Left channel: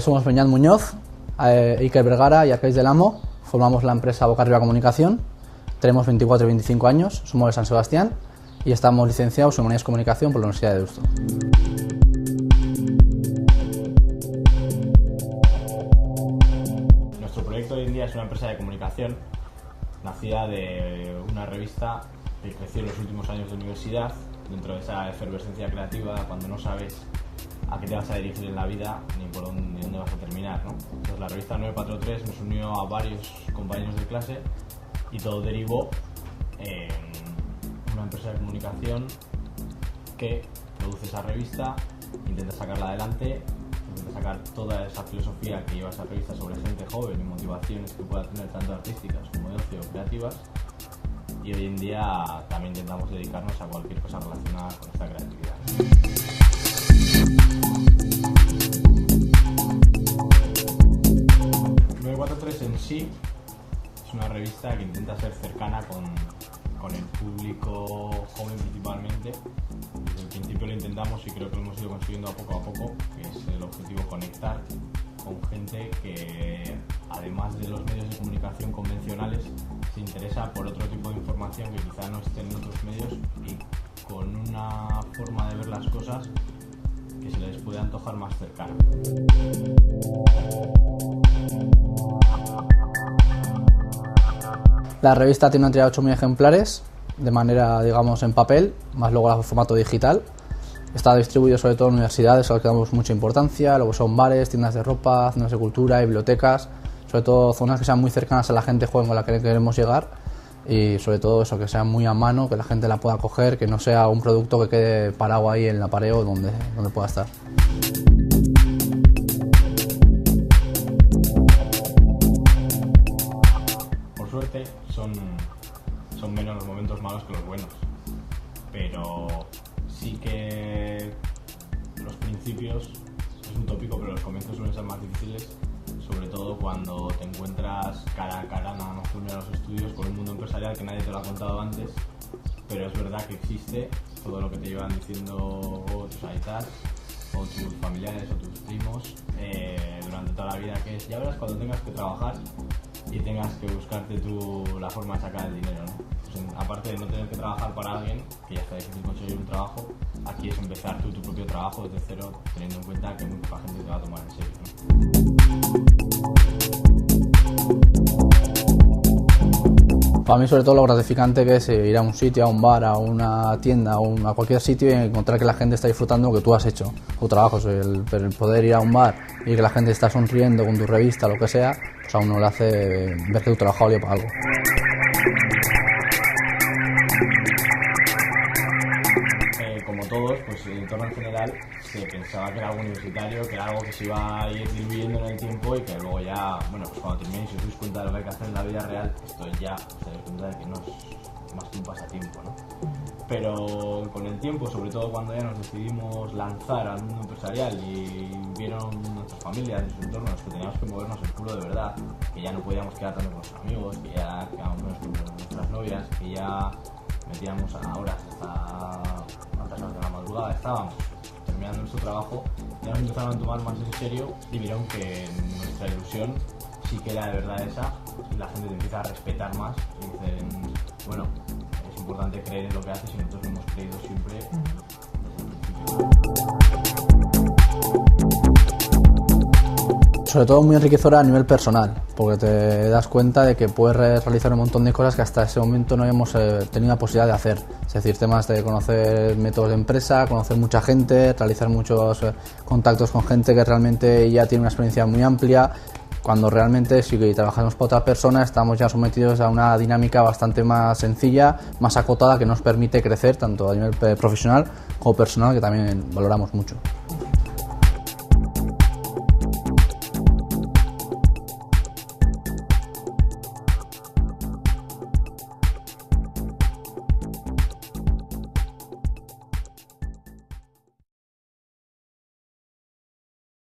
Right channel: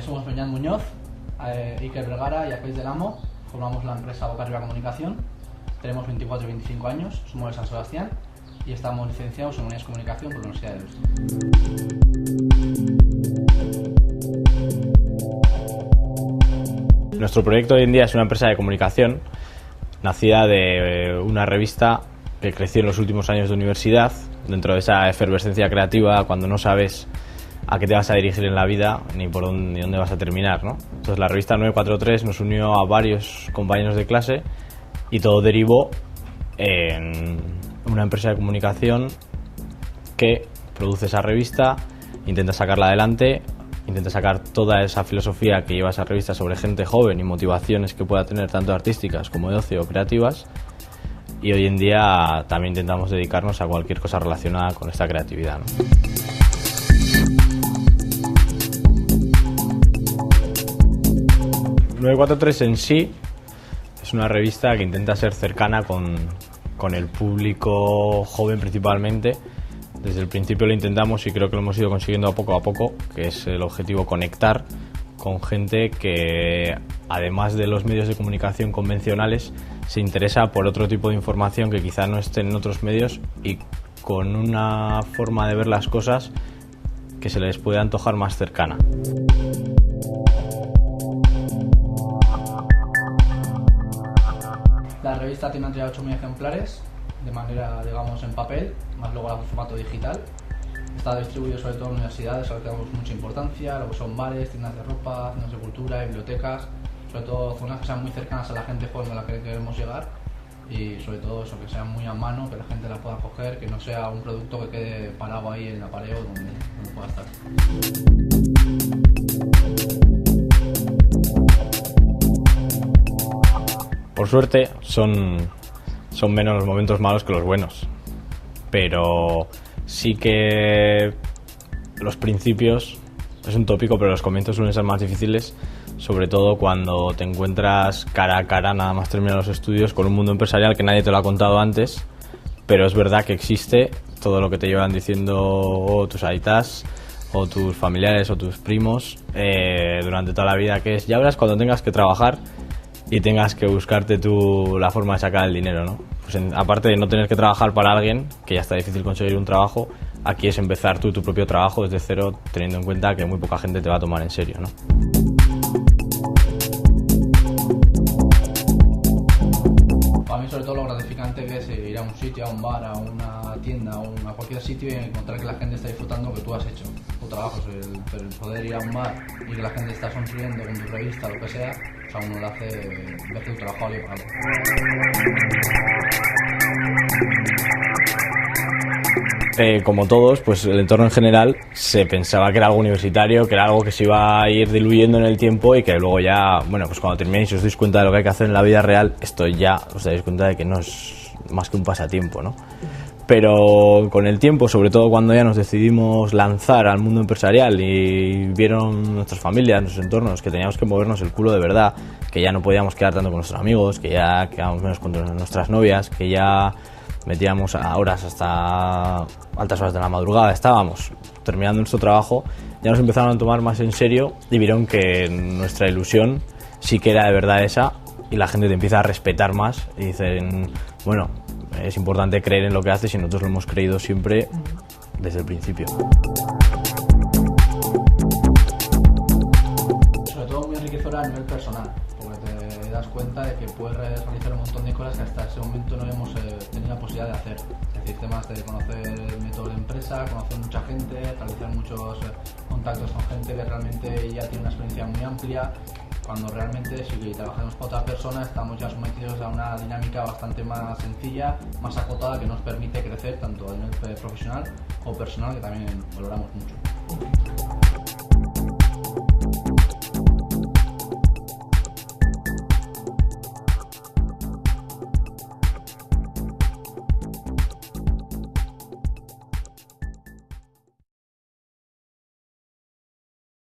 Somos Beñat Muñoz, Iker Vergara y Arcais del Amo. Formamos la empresa Boca Arriba Comunicación. Tenemos 24 y 25 años, somos de San Sebastián y estamos licenciados en Humanidades y Comunicación por la Universidad de Deusto. Nuestro proyecto hoy en día es una empresa de comunicación nacida de una revista que creció en los últimos años de universidad, dentro de esa efervescencia creativa cuando no sabes a qué te vas a dirigir en la vida ni por dónde, ni dónde vas a terminar, ¿no? Entonces la revista 943 nos unió a varios compañeros de clase y todo derivó en una empresa de comunicación que produce esa revista, intenta sacarla adelante, intenta sacar toda esa filosofía que lleva esa revista sobre gente joven y motivaciones que pueda tener tanto artísticas como de ocio o creativas, y hoy en día también intentamos dedicarnos a cualquier cosa relacionada con esta creatividad, ¿no? 943 en sí es una revista que intenta ser cercana con el público joven principalmente. Desde el principio lo intentamos y creo que lo hemos ido consiguiendo poco a poco, que es el objetivo: conectar con gente que, además de los medios de comunicación convencionales, se interesa por otro tipo de información que quizá no esté en otros medios y con una forma de ver las cosas que se les puede antojar más cercana. La revista tiene una tirada de 8.000 ejemplares, de manera, digamos, en papel, más luego el formato digital. Está distribuido sobre todo en universidades, a las que damos mucha importancia, luego son bares, tiendas de ropa, zonas de cultura, bibliotecas, sobre todo zonas que sean muy cercanas a la gente joven con la que queremos llegar, y sobre todo eso, que sea muy a mano, que la gente la pueda coger, que no sea un producto que quede parado ahí en el apareo donde pueda estar. Por suerte son menos los momentos malos que los buenos, pero sí que los principios, es un tópico, pero los comienzos suelen ser más difíciles, sobre todo cuando te encuentras cara a cara, nada más terminar los estudios, con un mundo empresarial que nadie te lo ha contado antes, pero es verdad que existe todo lo que te llevan diciendo tus aitas o tus familiares o tus primos durante toda la vida, que es: ya verás cuando tengas que trabajar y tengas que buscarte tú la forma de sacar el dinero, ¿no? Pues aparte de no tener que trabajar para alguien, que ya está difícil conseguir un trabajo, aquí es empezar tú tu propio trabajo desde cero, teniendo en cuenta que muy poca gente te va a tomar en serio, ¿no? Para mí, sobre todo, lo gratificante que es ir a un sitio, a un bar, a una tienda o a cualquier sitio y encontrar que la gente está disfrutando lo que tú has hecho, tu trabajo. Pero el poder ir a un bar y que la gente está sonriendo con tu revista, lo que sea, pues a uno le hace ver que tu trabajo valió para algo. Como todos, pues el entorno en general se pensaba que era algo universitario, que era algo que se iba a ir diluyendo en el tiempo y que luego ya, bueno, pues cuando terminéis y os dais cuenta de lo que hay que hacer en la vida real, esto ya os dais cuenta de que no es más que un pasatiempo, ¿no? Pero con el tiempo, sobre todo cuando ya nos decidimos lanzar al mundo empresarial y vieron nuestras familias, nuestros entornos, que teníamos que movernos el culo de verdad, que ya no podíamos quedar tanto con nuestros amigos, que ya quedábamos menos con nuestras novias, que ya metíamos a horas hasta altas horas de la madrugada, estábamos terminando nuestro trabajo, ya nos empezaron a tomar más en serio y vieron que nuestra ilusión sí que era de verdad esa, y la gente te empieza a respetar más y dicen: bueno, es importante creer en lo que haces, y nosotros lo hemos creído siempre desde el principio. Sobre todo muy enriquecedora a nivel personal, porque te das cuenta de que puedes realizar un montón de cosas que hasta ese momento no habíamos tenido la posibilidad de hacer. Es decir, temas de conocer métodos de empresa, conocer mucha gente, realizar muchos contactos con gente que realmente ya tiene una experiencia muy amplia, cuando realmente si trabajamos para otras personas estamos ya sometidos a una dinámica bastante más sencilla, más acotada, que nos permite crecer tanto a nivel profesional como personal, que también valoramos mucho.